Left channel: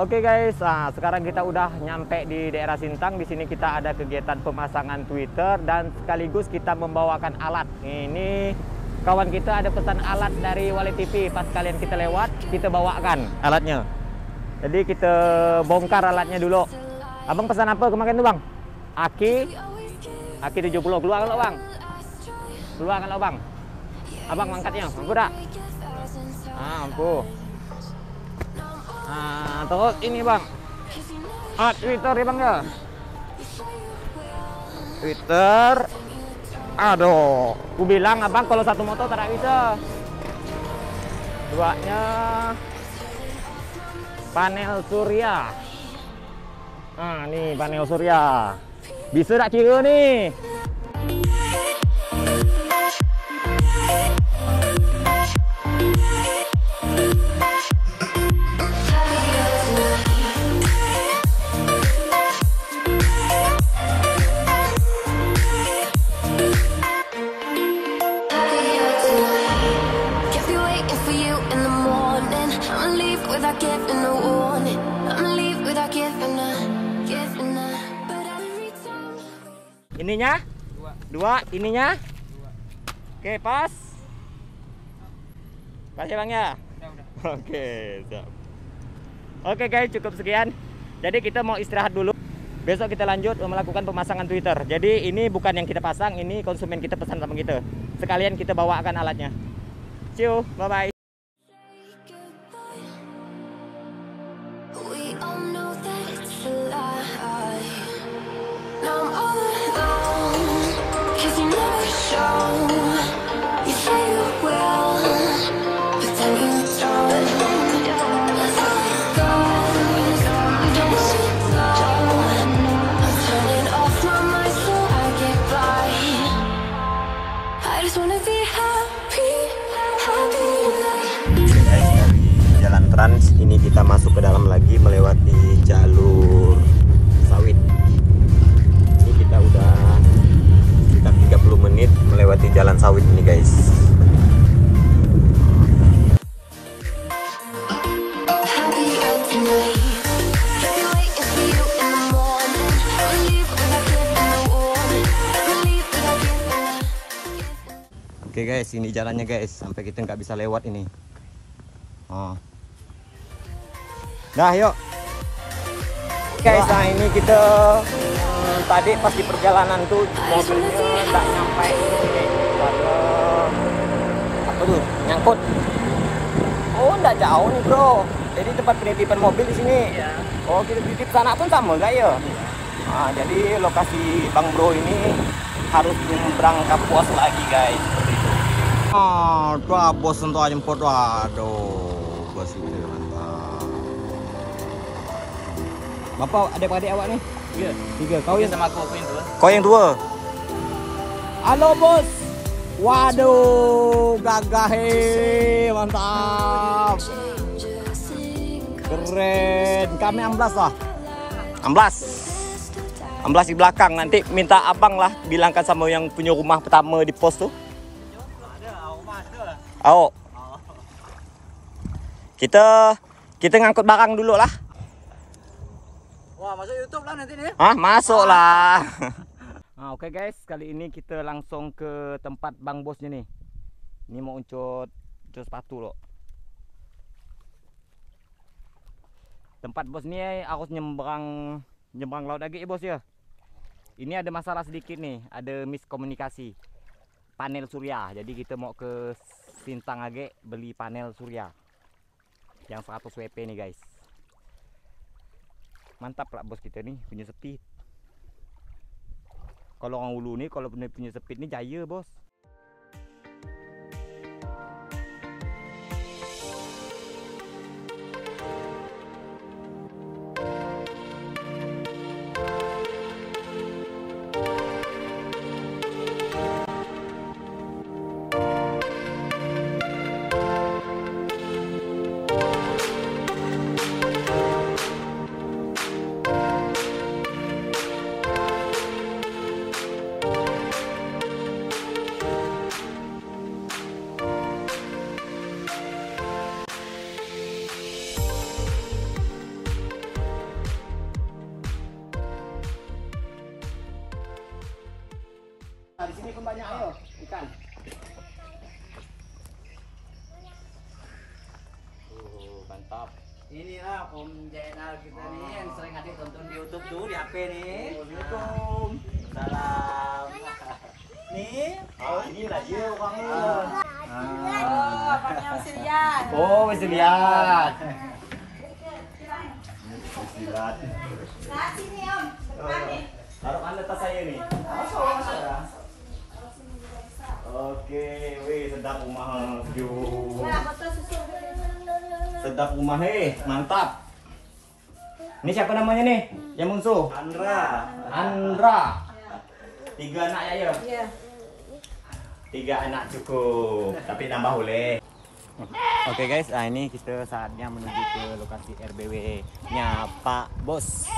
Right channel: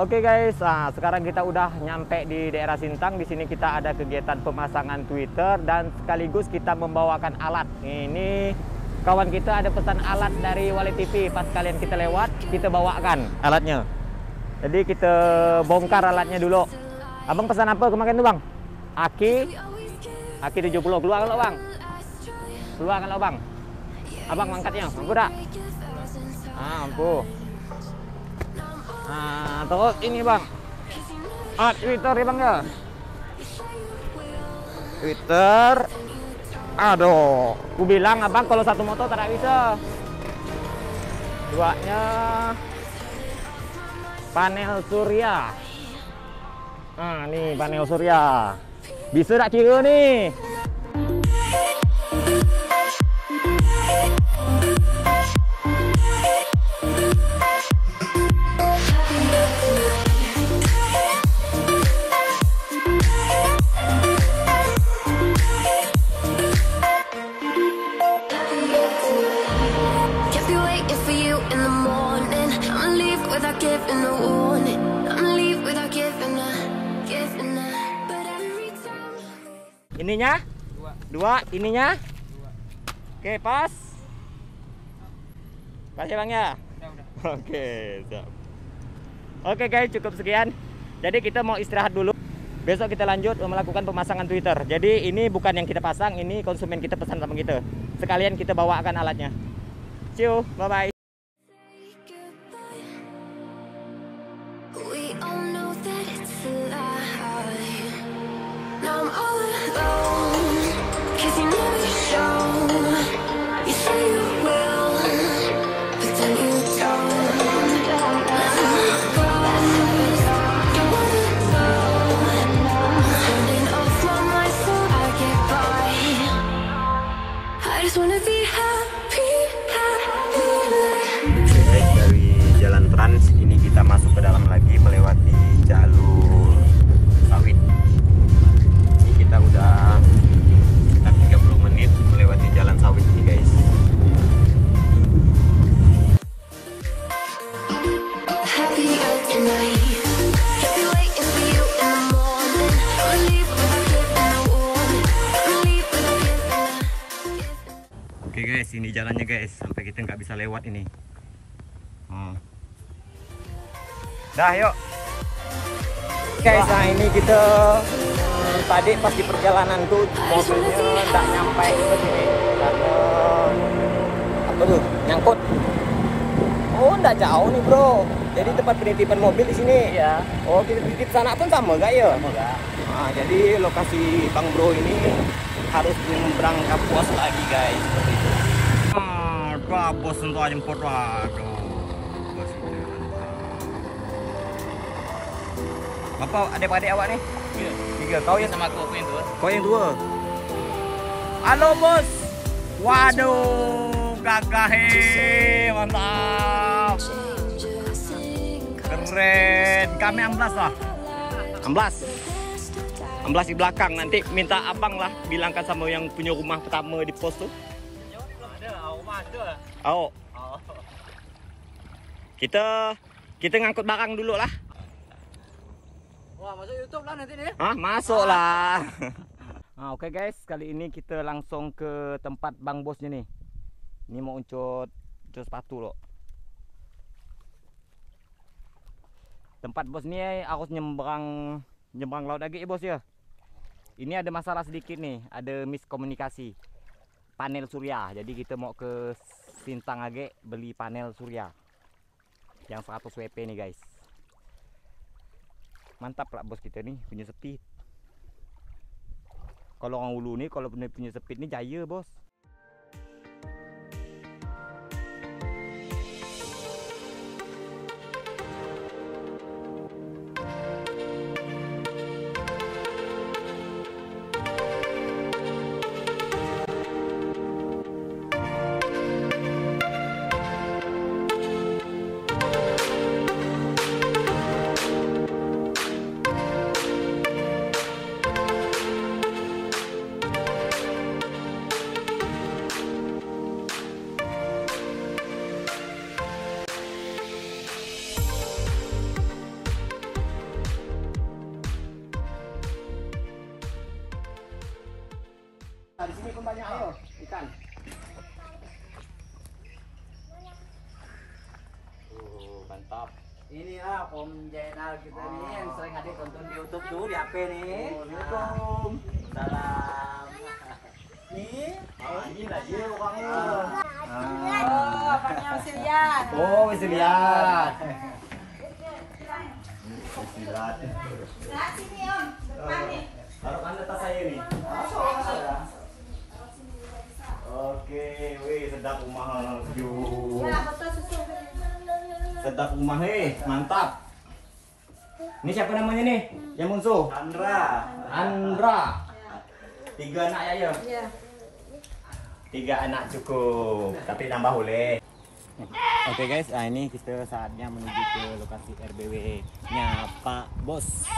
Oke guys, nah, sekarang kita udah nyampe di daerah Sintang. Di sini kita ada kegiatan pemasangan Twitter dan sekaligus kita membawakan alat. Ini kawan kita ada pesan alat dari Wali TV. Pas kalian kita lewat, kita bawakan alatnya. Jadi kita bongkar alatnya dulu. Abang pesan apa kemarin tuh bang? Aki 70. Keluar kalau bang. Keluar kalau bang. Abang mangkatnya, mampu tak? Mampu. Nah, terus ini bang, Twitter ya bang ya. Twitter, aduh, ku bilang abang kalau satu motor tak bisa. Duanya panel surya. Nah, nih panel surya. Bisa tak kira nih? Ininya? Dua. Ininya? Oke, pas. Pas ya bang ya? Udah. Oke, siap. Oke guys, cukup sekian. Jadi kita mau istirahat dulu. Besok kita lanjut melakukan pemasangan Twitter. Jadi ini bukan yang kita pasang, ini konsumen kita pesan sama kita. Sekalian kita bawakan alatnya. See you, bye-bye. We all know that it's a lie. Now I'm all alone, 'cause you never show. You say you will, but then you don't. Let go, don't wanna know. I'm turning off my mind so I get by. I just wanna be happy tonight. Guys, dari jalan Trans ini kita masuk ke dalam lagi melewati jalur sawit. Ini kita udah sekitar 30 menit melewati jalan sawit ini guys. Oke guys, ini jalannya guys, sampai kita nggak bisa lewat ini. Nah yuk guys, nah ini kita tadi pas di perjalanan tuh mobilnya nggak nyampe ke sini karena apa tuh nyangkut. Oh nggak jauh nih bro, jadi tempat penitipan mobil di sini. Ya. Oh kita titip sana pun sama gak ya? Nah, jadi lokasi Bang Bro ini harus menyeberang ke pos lagi guys. Tuh bos untuk jemput, aduh bos ini. Bapak adik-adik awak nih? Tiga. Kau yang sama aku, yang dua. Kau yang dua? Halo bos. Waduh, gagah mantap. Keren. Kami 16 lah. 16 di belakang. Nanti minta abang lah bilangkan sama yang punya rumah pertama di pos tuh. Oh. Kita ngangkut barang dulu lah. Wah, masuk YouTube lah nanti nih. Masuk lah. Oke guys, kali ini kita langsung ke tempat Bang Bosnya nih. Ini mau uncut sepatu loh. Tempat bos ini harus nyebrang laut lagi ya bos ya. Ini ada masalah sedikit nih, ada miskomunikasi. Panel surya. Jadi kita mau ke Sintang Age beli panel surya yang 100 WP nih guys. Mantap lah bos kita nih punya speed. Kalau orang ulu nih kalau punya speed nih jaya bos. Nah, di sini pun banyak ayo ikan. Mantap. Inilah Om Jainal kita nih yang sering adik tonton di YouTube tuh di HP nih. Assalamualaikum. Salam. Nih, ini lagi orangnya. Oh, bapaknya masih lihat. Oh, bisa lihat. Lihat. Nah, sini Om, depan nih. Taruh anda tas saya nih. Oke, wih sedap rumah. Ya, botol susu. Sedap rumah, mantap. Ini siapa namanya nih? Yang musuh? Andra. Andra. 3 anak ya, ya? Iya. 3 anak cukup, tapi nambah boleh. Oke guys, nah ini kita saatnya menuju ke lokasi RBW-nya Pak Bos.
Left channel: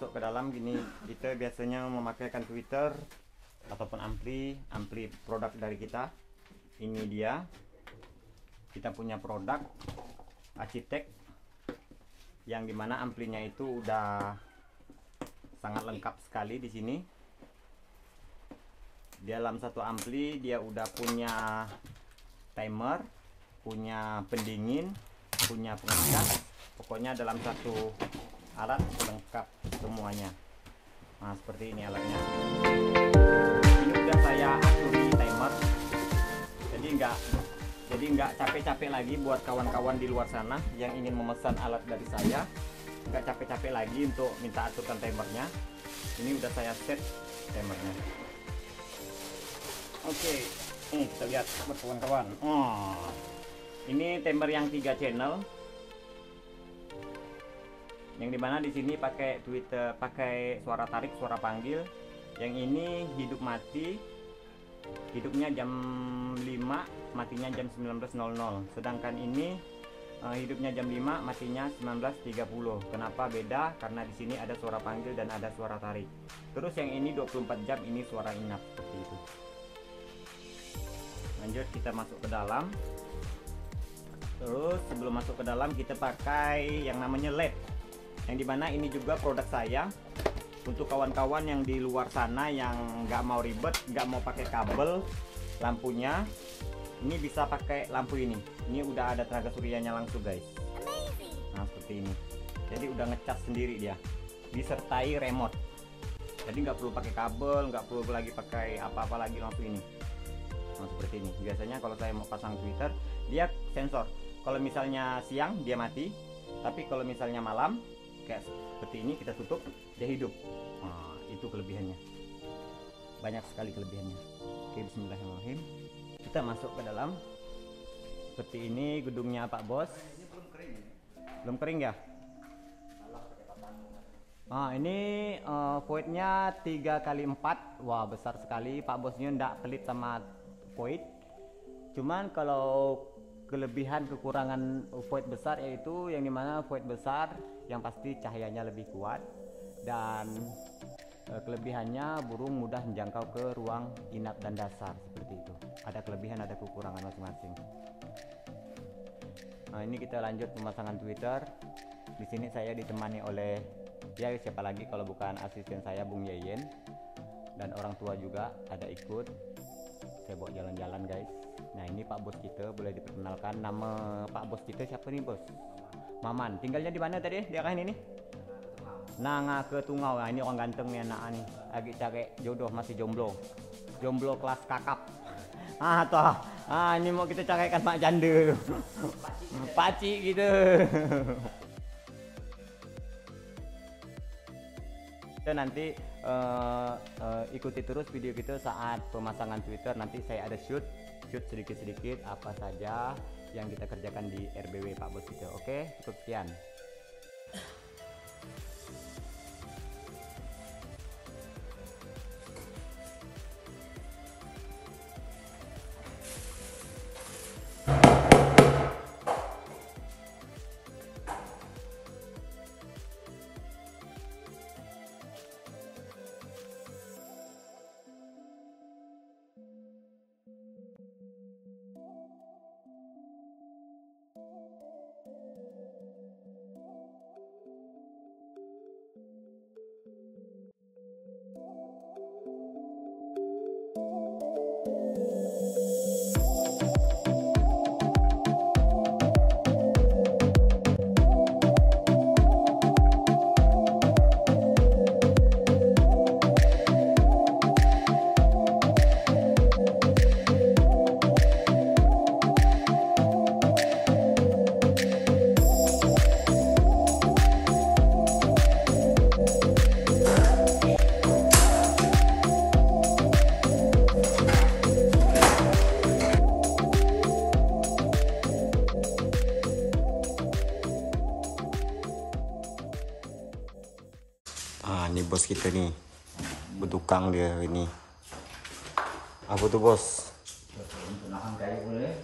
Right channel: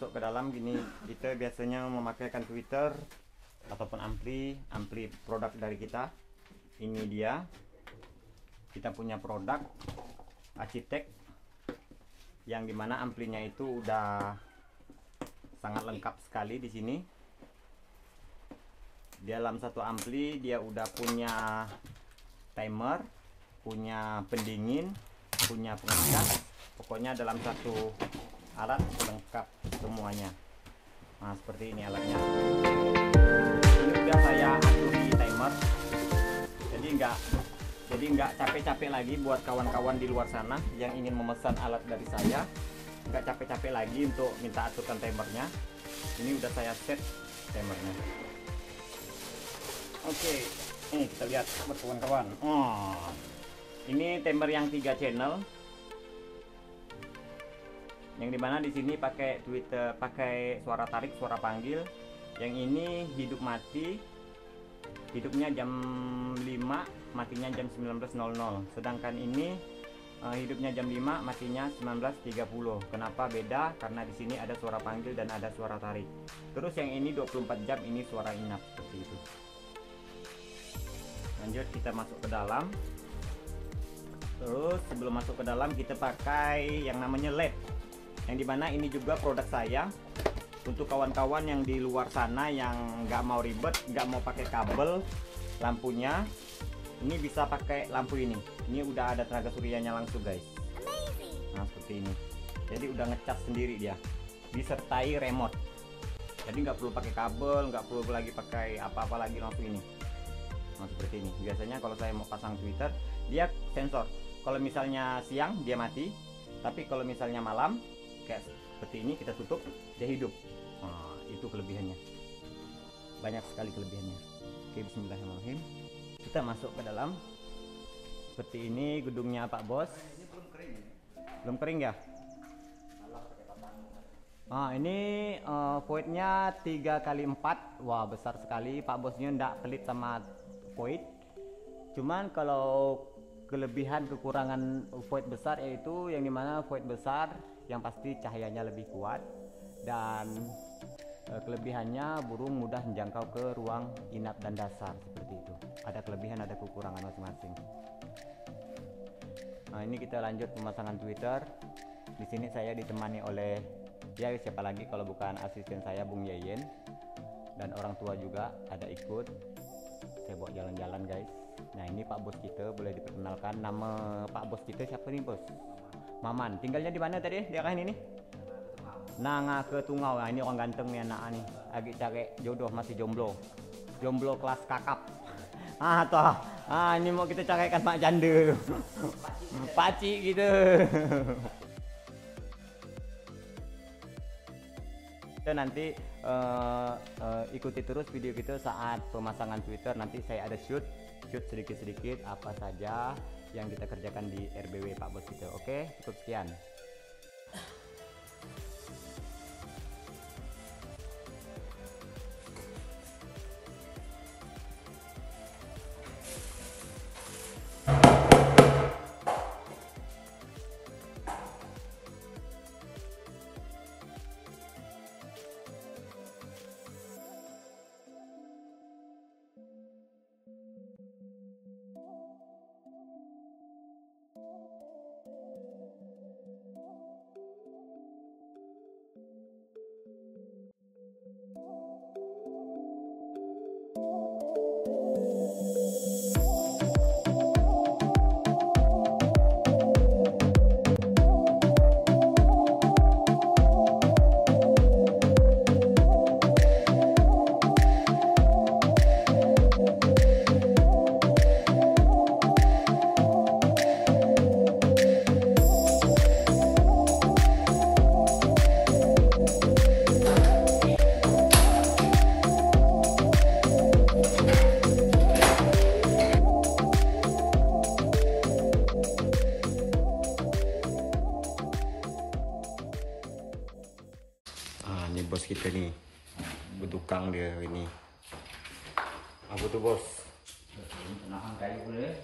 Masuk ke dalam gini, kita biasanya memakaikan tweeter ataupun ampli produk dari kita. Ini dia, kita punya produk Architect yang dimana amplinya itu udah sangat lengkap sekali di sini. Di dalam satu ampli dia udah punya timer, punya pendingin, punya pengeras, pokoknya dalam satu alat lengkap semuanya. Nah, seperti ini alatnya. Ini udah saya aturi timer, jadi nggak capek-capek lagi buat kawan-kawan di luar sana yang ingin memesan alat dari saya. Nggak capek-capek lagi untuk minta aturkan timernya. Ini udah saya set timernya. Oke, ini kita lihat buat kawan-kawan. Oh, ini timer yang 3 channel. Yang dimana di sini pakai Twitter, pakai suara tarik, suara panggil. Yang ini hidup mati, hidupnya jam 5, matinya jam 19.00. Sedangkan ini hidupnya jam 5, matinya 19.30. Kenapa beda? Karena di sini ada suara panggil dan ada suara tarik. Terus yang ini 24 jam, ini suara inap seperti itu. Lanjut kita masuk ke dalam. Terus sebelum masuk ke dalam kita pakai yang namanya LED. Yang dimana ini juga produk saya untuk kawan-kawan yang di luar sana yang nggak mau ribet, nggak mau pakai kabel lampunya, ini bisa pakai lampu ini. Ini udah ada tenaga suryanya langsung guys. Nah seperti ini. Jadi udah ngecas sendiri dia, disertai remote. Jadi nggak perlu pakai kabel, nggak perlu lagi pakai apa-apa lagi, langsung ini. Nah seperti ini. Biasanya kalau saya mau pasang tweeter, dia sensor. Kalau misalnya siang dia mati, tapi kalau misalnya malam kayak seperti ini kita tutup, dia hidup. Nah, itu kelebihannya, banyak sekali kelebihannya. Oke, bismillahirrahmanirrahim, kita masuk ke dalam. Seperti ini gedungnya Pak Bos. Belum kering ya? Nah, ini voidnya 3x4. Wah besar sekali. Pak Bosnya ndak pelit sama void. Cuman kalau kelebihan kekurangan void besar yaitu yang dimana void besar yang pasti cahayanya lebih kuat, dan kelebihannya burung mudah menjangkau ke ruang inap dan dasar seperti itu. Ada kelebihan, ada kekurangan masing-masing. Nah ini kita lanjut pemasangan tweeter. Di sini saya ditemani oleh, ya siapa lagi kalau bukan asisten saya Bung Yeyen, dan orang tua juga ada ikut. Saya bawa jalan-jalan guys. Nah ini Pak Bos kita, boleh diperkenalkan. Nama Pak Bos kita siapa nih Bos? Maman. Tinggalnya di mana tadi? Di arah ini nih? Nanga ke Tungau. Nah ini orang ganteng nih anak nih. Lagi cari jodoh, masih jomblo. Jomblo kelas kakap. Toh. Ini mau kita caraikan mak janda. Pakcik gitu. Kita nanti ikuti terus video kita saat pemasangan Twitter. Nanti saya ada shoot sedikit-sedikit apa saja yang kita kerjakan di RBW Pak Bos kita. Oke, cukup sekian. Ini bos kita nih, bertukang dia ini. Apa tuh bos?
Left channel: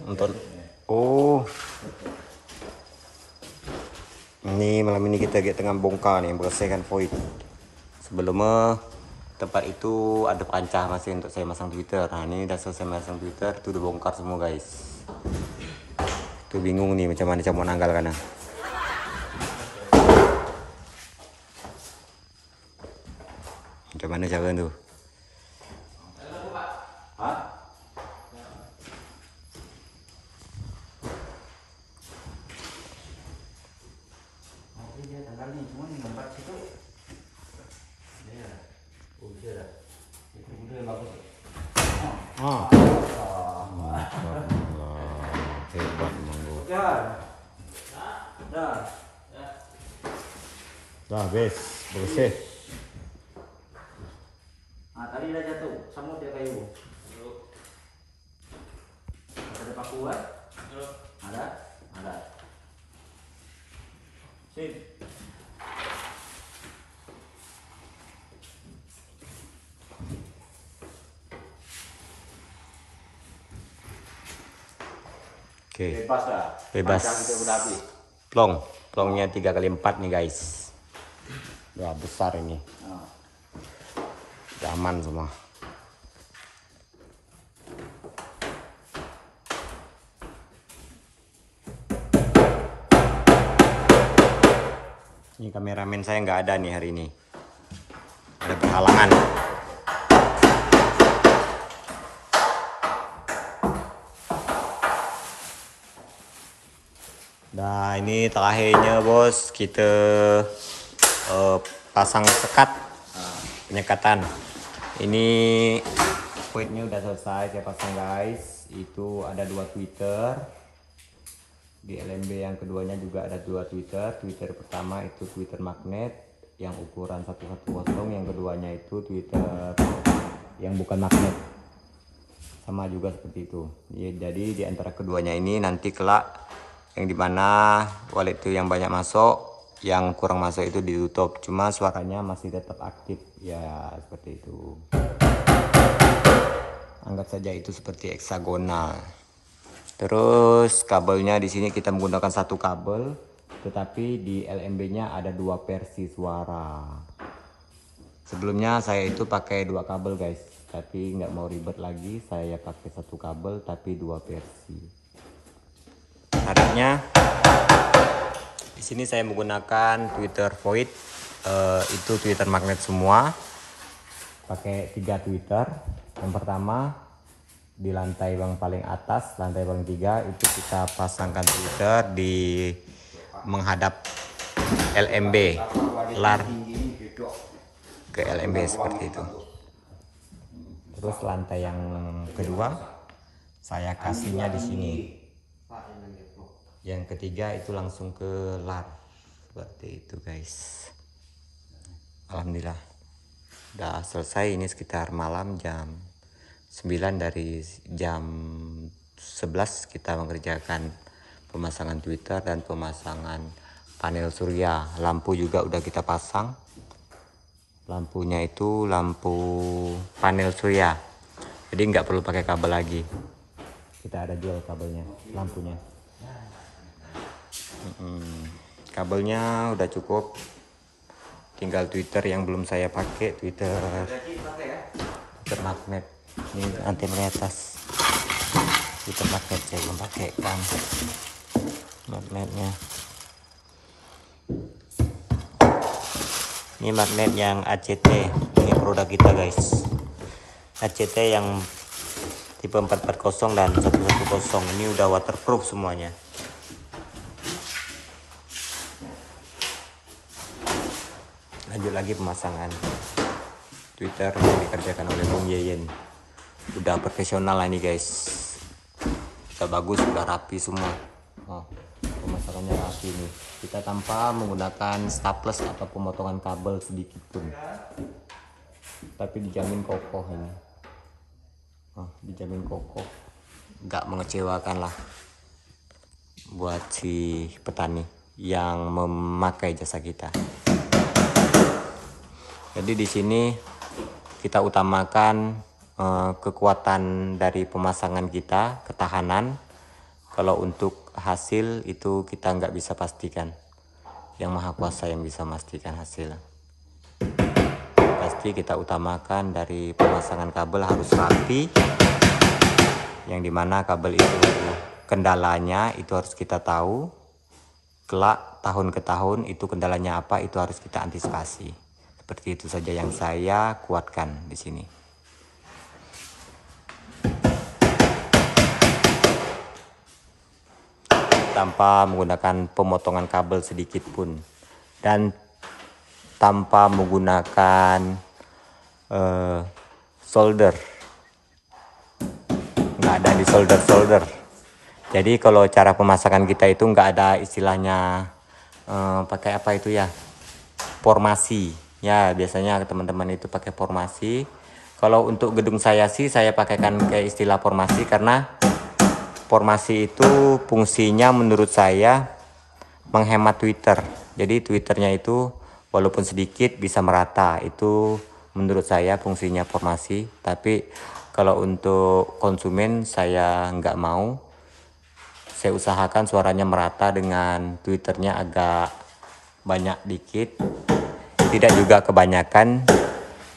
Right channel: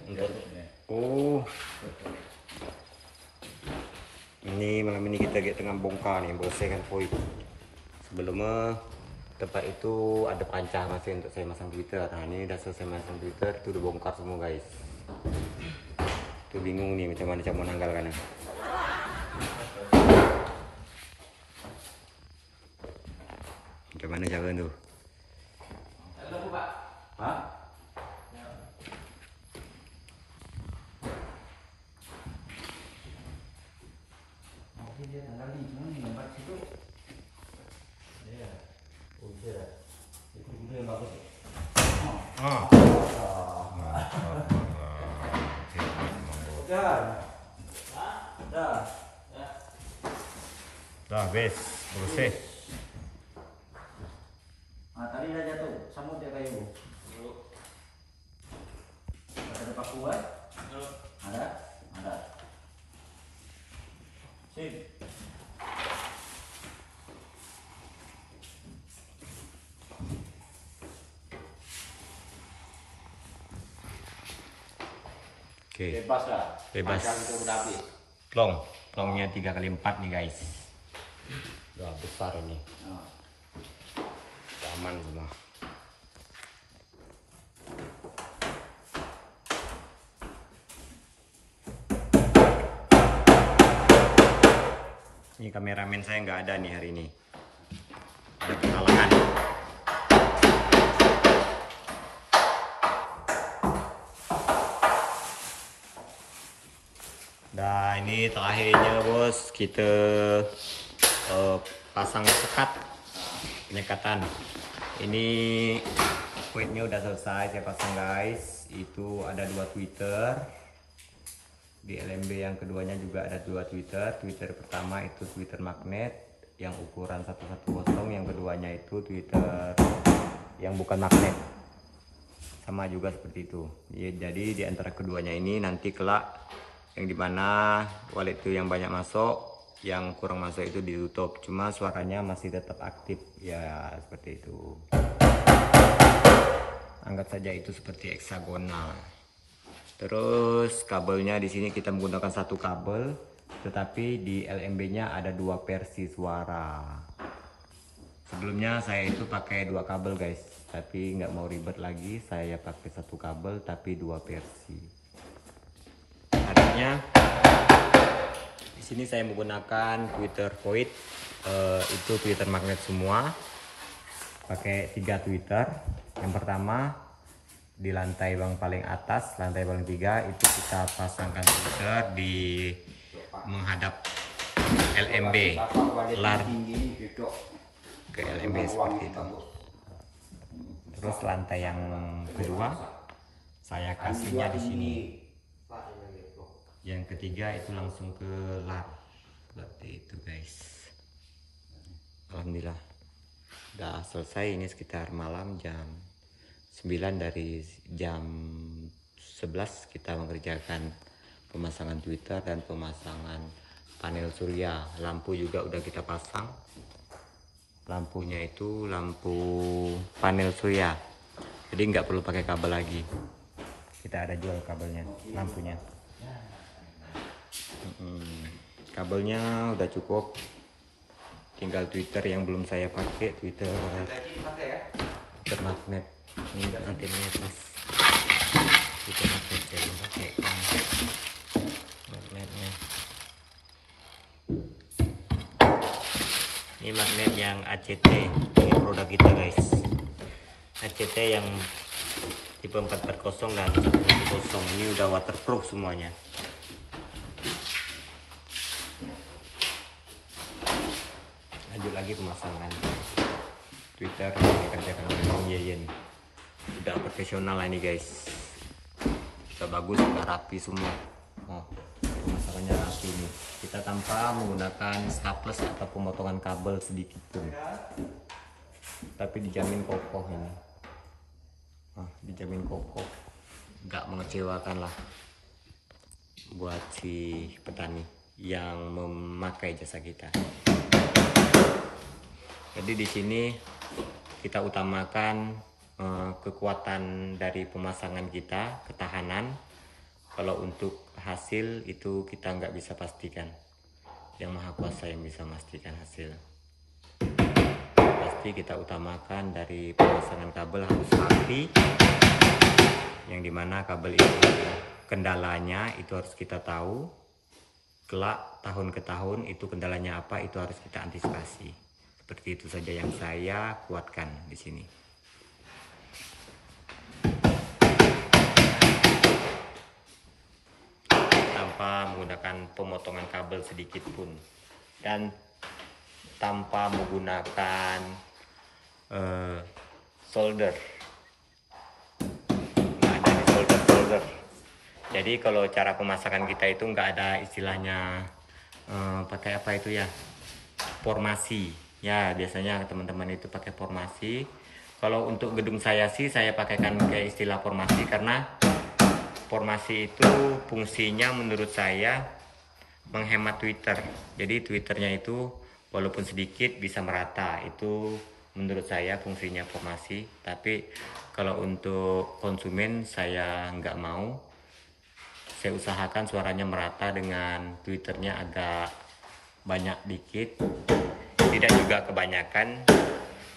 Nonton. Oh, ini malam ini kita tengah bongkar nih, bersihkan void. Sebelumnya tempat itu ada pancah masih untuk saya masang Twitter. Nah ini udah selesai masang Twitter, itu udah bongkar semua guys. Tuh bingung nih macam mana mau nanggal karena. Macam mana cara tu? Dah, bersih. Tadi dah jatuh, samut dia kayu. Ada paku kan? Ada. Sip. Oke. Bebas lah. Bebas. Kita udah habis. Plongnya 3x4 nih guys. Wah besar ini. Aman semua. Ini kameramen saya nggak ada nih hari ini. Ada penghalangan. Nah ini terakhirnya bos, kita pasang sekat penyekatan. Ini poinnya udah selesai saya pasang guys. Itu ada 2 Twitter. Di LMB yang keduanya juga ada 2 Twitter. Twitter pertama itu Twitter magnet yang ukuran 110, yang keduanya itu Twitter yang bukan magnet. Sama juga seperti itu. Jadi di antara keduanya ini nanti kelak yang dimana wallet itu yang banyak masuk, yang kurang masuk itu ditutup, cuma suaranya masih tetap aktif ya, seperti itu. Anggap saja itu seperti heksagonal. Terus kabelnya di sini kita menggunakan 1 kabel, tetapi di LMB-nya ada 2 versi suara. Sebelumnya saya itu pakai 2 kabel guys, tapi nggak mau ribet lagi, saya pakai 1 kabel tapi 2 versi. Adanya di sini saya menggunakan Twitter Void, itu Twitter magnet semua, pakai 3 Twitter. Yang pertama di lantai yang paling atas, lantai paling 3 itu kita pasangkan Twitter di menghadap LMB, lar ke LMB seperti itu. Terus lantai yang kedua saya kasihnya di sini. Yang ketiga itu langsung ke lar. Seperti itu guys. Alhamdulillah udah selesai. Ini sekitar malam jam 9. Dari jam 11 kita mengerjakan pemasangan tweeter dan pemasangan panel surya. Lampu juga udah kita pasang. Lampunya itu lampu panel surya, jadi nggak perlu pakai kabel lagi. Kita ada jual kabelnya, lampunya. Kabelnya udah cukup, tinggal tweeter yang belum saya pakai, tweeter magnet. Ini antena atas, tweeter magnet saya belum pakai kan magnetnya. Ini magnet yang ACT, ini produk kita guys. ACT yang tipe 440 dan 110. Ini udah waterproof semuanya. Lanjut lagi pemasangan tweeter yang dikerjakan oleh Bung Yeyen. Udah profesional ini guys, udah bagus, udah rapi semua. Pemasangannya rapi nih. Kita tanpa menggunakan staples atau pemotongan kabel sedikit pun, tapi dijamin kokoh ini. Dijamin kokoh, nggak mengecewakan lah buat si petani yang memakai jasa kita. Jadi di sini kita utamakan kekuatan dari pemasangan kita, ketahanan. Kalau untuk hasil itu kita nggak bisa pastikan, yang Maha Kuasa yang bisa memastikan hasil. Pasti kita utamakan dari pemasangan kabel harus rapi, yang dimana kabel itu kendalanya itu harus kita tahu. Kelak tahun ke tahun itu kendalanya apa, itu harus kita antisipasi. Seperti itu saja yang saya kuatkan di sini. Tanpa menggunakan pemotongan kabel sedikit pun, dan tanpa menggunakan solder. Nggak ada di solder. Jadi kalau cara pemasangan kita itu nggak ada istilahnya pakai apa itu ya, formasi. Ya biasanya teman-teman itu pakai formasi. Kalau untuk gedung saya sih saya pakaikan ke istilah formasi, karena formasi itu fungsinya menurut saya menghemat tweeter. Jadi tweeternya itu walaupun sedikit bisa merata. Itu menurut saya fungsinya formasi. Tapi kalau untuk konsumen saya nggak mau. Saya usahakan suaranya merata dengan tweeternya agak banyak dikit. Tidak juga kebanyakan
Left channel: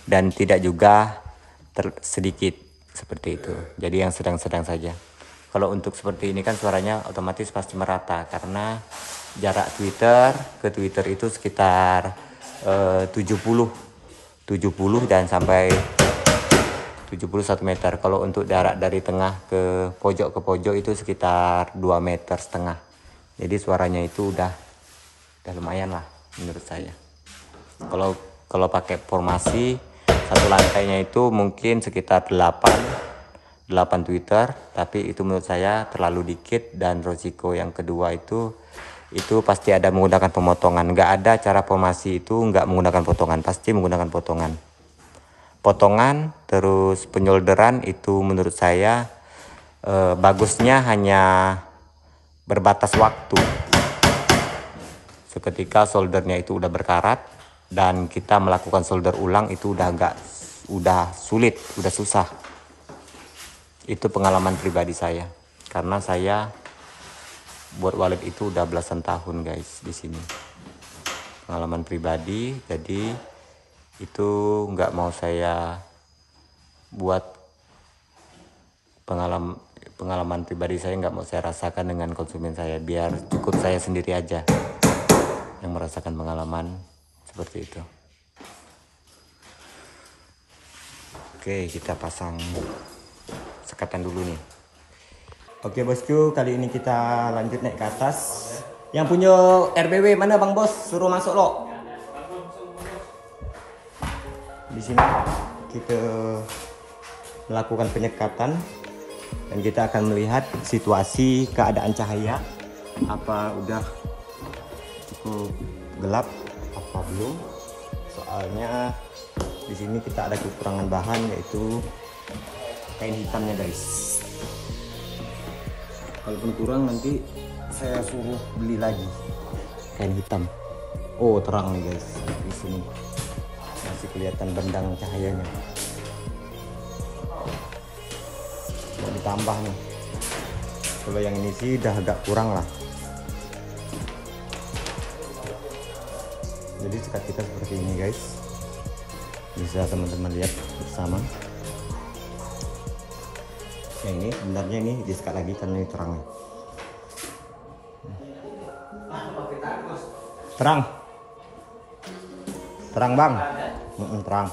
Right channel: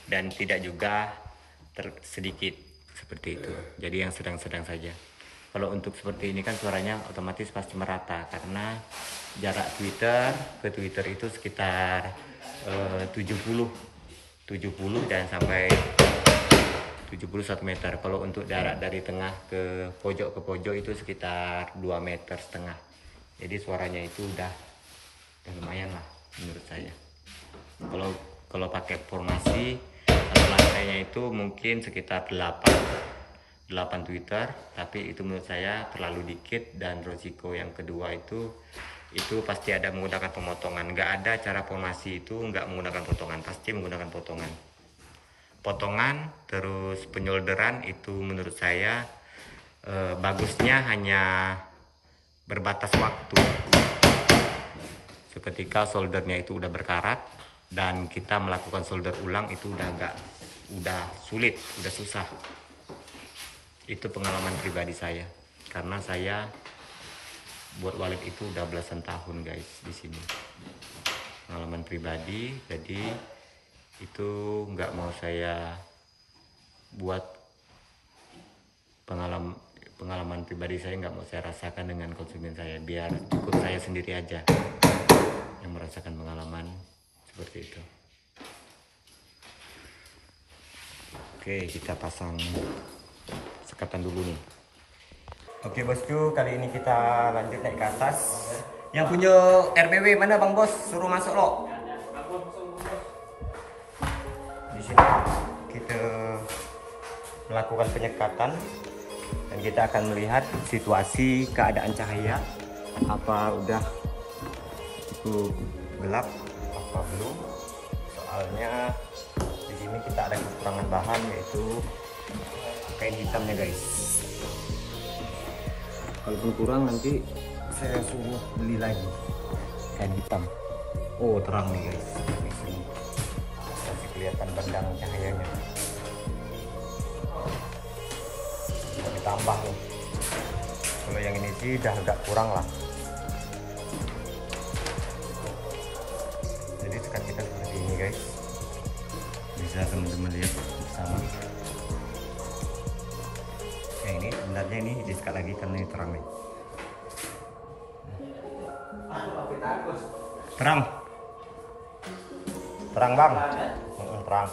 dan tidak juga sedikit, seperti itu. Jadi yang sedang-sedang saja. Kalau untuk seperti ini kan suaranya otomatis pasti merata, karena jarak tweeter ke tweeter itu sekitar 70 dan sampai 71 meter. Kalau untuk jarak dari tengah ke pojok itu sekitar 2,5 meter. Jadi suaranya itu udah lumayan lah menurut saya. Kalau pakai formasi satu lantainya itu mungkin sekitar 8 tweeter, tapi itu menurut saya terlalu dikit. Dan risiko yang kedua itu pasti ada menggunakan pemotongan. Nggak ada cara formasi itu nggak menggunakan potongan, pasti menggunakan potongan. Terus penyolderan itu menurut saya bagusnya hanya berbatas waktu. Seketika soldernya itu udah berkarat dan kita melakukan solder ulang itu udah sulit, udah susah. Itu pengalaman pribadi saya, karena saya buat wallet itu udah belasan tahun guys di sini. Pengalaman pribadi, jadi itu nggak mau saya buat pengalaman pribadi saya, nggak mau saya rasakan dengan konsumen saya. Biar cukup saya sendiri aja yang merasakan pengalaman seperti itu. Oke, kita pasang sekatan dulu nih. Oke bosku, kali ini kita lanjut naik ke atas. Yang punya RBW mana Bang Bos? Suruh masuk lo. Di sini kita melakukan penyekatan Dan kita akan melihat situasi keadaan cahaya. Apa udah cukup gelap? Ini soalnya di sini kita ada kekurangan bahan, yaitu kain hitamnya guys. Kalaupun kurang nanti saya suruh beli lagi kain hitam. Oh terang nih guys, di sini masih kelihatan bendang cahayanya. Kita tambah nih. Kalau yang ini sih udah agak kurang lah. Jadi sekat kita seperti ini guys, bisa teman-teman lihat bersama. Nah ini sebenarnya ini disekat lagi karena ini terang nih. Terang bang, terang.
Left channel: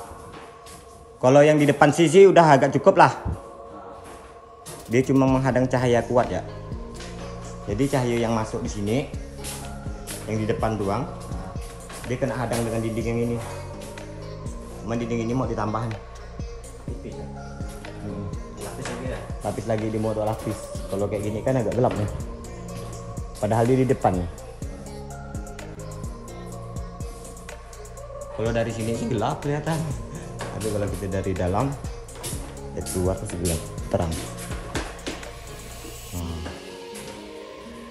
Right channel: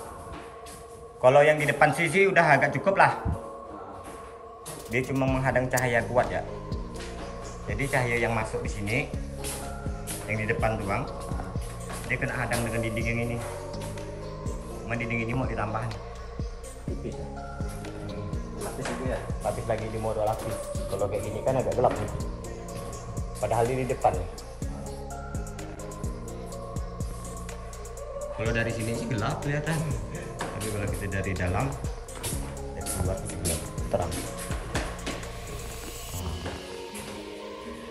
Kalau yang di depan sisi udah agak cukup lah. Dia cuma menghadang cahaya kuat ya. Jadi cahaya yang masuk di sini, yang di depan doang, dia kena hadang dengan dinding yang ini. Cuma dinding ini mau ditambahin. Tipis ya. Lapis lagi ya. Lapis lagi di modal lapis. Kalau kayak gini kan agak gelap ya. Padahal dia di depan. Kalau dari sini gelap kelihatan, tapi kalau kita dari dalam, dari luar itu gelap terang.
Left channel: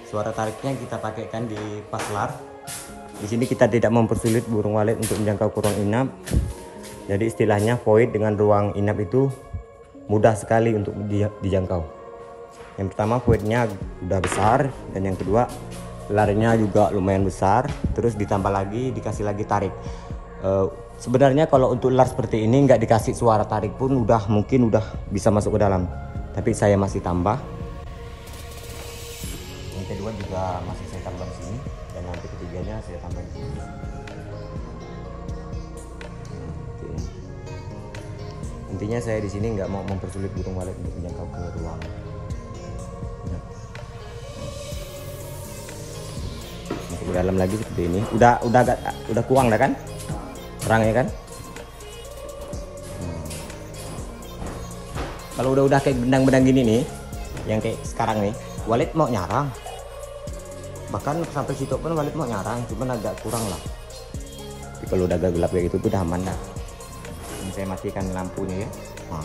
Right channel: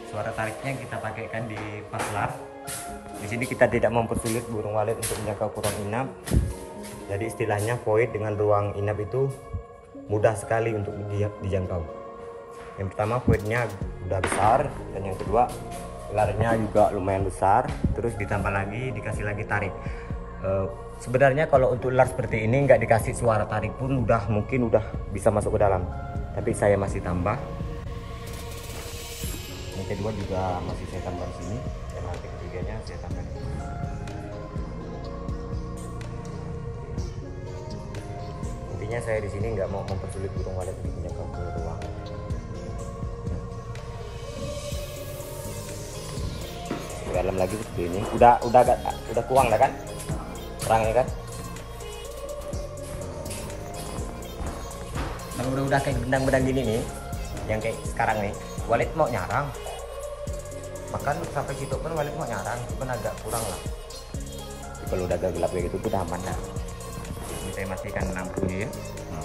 Suara tariknya kita pakaikan di paslar. Di sini kita tidak mempersulit burung walet untuk menjangkau kurung inap. Jadi istilahnya void dengan ruang inap itu mudah sekali untuk dijangkau. Yang pertama voidnya udah besar, dan yang kedua gelarnya juga lumayan besar. Terus ditambah lagi dikasih lagi tarik. Sebenarnya kalau untuk ular seperti ini nggak dikasih suara tarik pun mungkin udah bisa masuk ke dalam, tapi saya masih tambah. Yang kedua juga masih saya tambah di sini, dan yang ketiganya saya tambah di sini. Intinya saya di sini nggak mau mempersulit burung walet untuk menjangkau ke luar. Di dalam lagi seperti ini, udah kurang dah kan? Terang ya kan? Kalau udah kayak benang-benang gini nih, yang kayak sekarang nih, walet mau nyarang. Bahkan sampai situ pun walet mau nyarang, cuman agak kurang lah. Jadi kalau udah agak gelap kayak gitu udah aman lah. Ini saya matikan lampunya ya. Nah.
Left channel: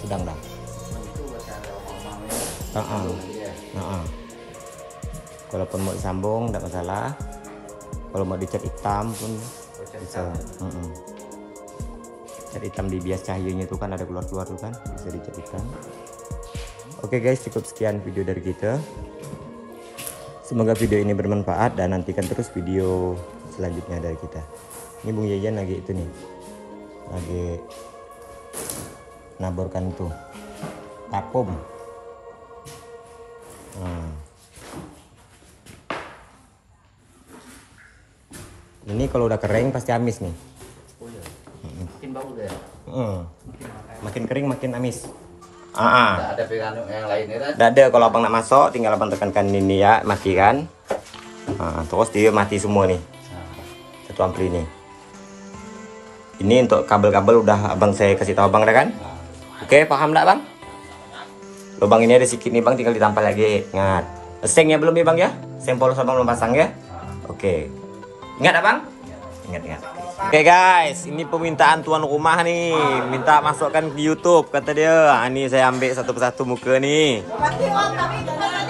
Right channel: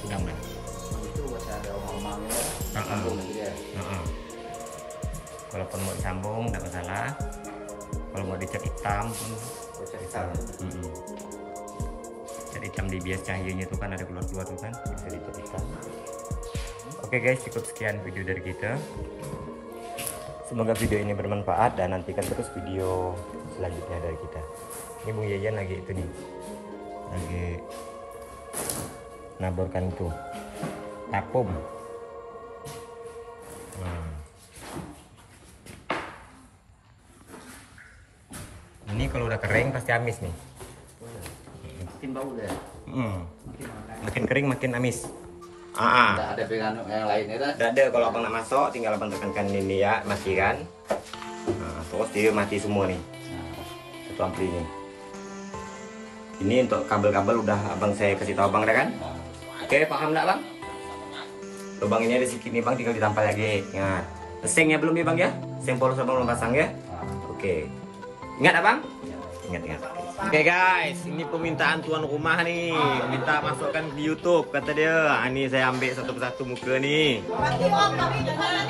Sudah dah. Kalaupun mau disambung tidak masalah. Kalau mau dicat hitam pun bisa. Cat hitam di bias cahayanya itu kan ada keluar-keluar tuh kan, bisa dicat hitam. Oke guys, cukup sekian video dari kita. Semoga video ini bermanfaat dan nantikan terus video selanjutnya dari kita. Ini Bung Yayan lagi itu nih, lagi naburkan itu vakum. Ini kalau udah kering pasti amis nih. Makin bau deh. Makin kering makin amis. Nggak ada pegangan yang lainnya kan? Nggak ada. Kalau abang nak masuk tinggal abang tekankan ini ya, matikan. Terus dia mati semua nih. Satu ampli ini. Ini untuk kabel-kabel udah abang saya kasih tahu abang dah kan? Oke, paham nggak bang? Lubang ini ada sedikit nih bang, tinggal ditampal lagi. Ingat. Sengnya belum ya bang ya? Seng polos abang belum pasang ya? Oke. Ingat abang? Ingat. Oke guys, ini permintaan tuan rumah nih, minta masukkan ke YouTube kata dia. Ini saya ambil satu persatu muka nih.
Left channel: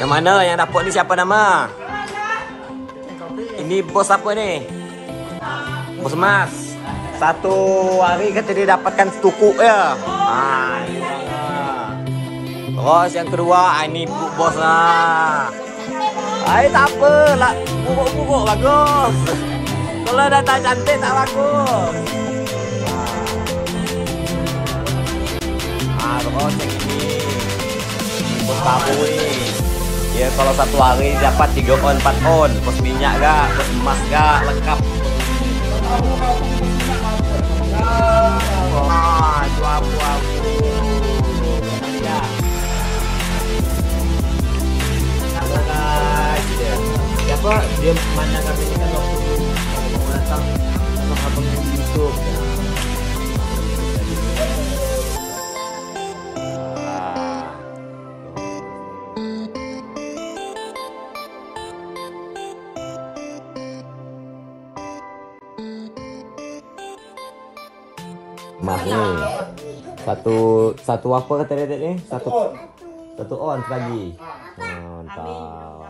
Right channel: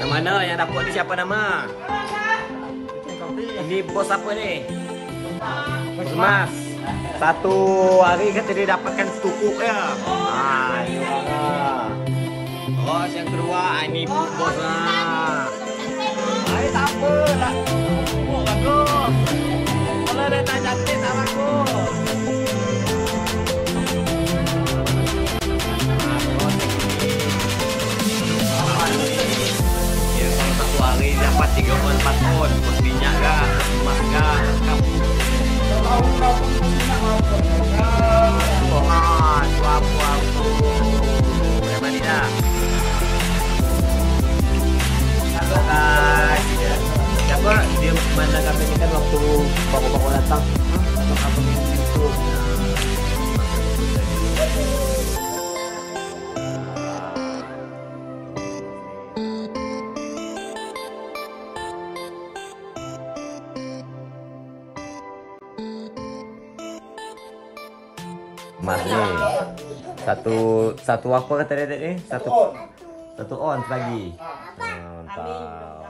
Yang mana yang dapat ni siapa nama? Ini bos apa nih? Bos Mas. Satu hari kata dia dapatkan setukuk ya. Ini orangnya. Terus yang kedua, ini bos lah. Tak apa lah, bubuk-bubuk bagus. Kalau dah tak cantik tak bagus. Terus yang ini bos tahu nih. Ya kalau satu hari dapat 3 on 4 on. Bos minyak gak, bos emas gak, lengkap. Itu abu-abu. Udah mandi dah. Halo guys. Siapa dia mana kami ini kan waktu bapak datang abang-abang yang YouTube. Nah, Mas nih. Satu apa kata dia tadi? Satu on lagi. Mantap.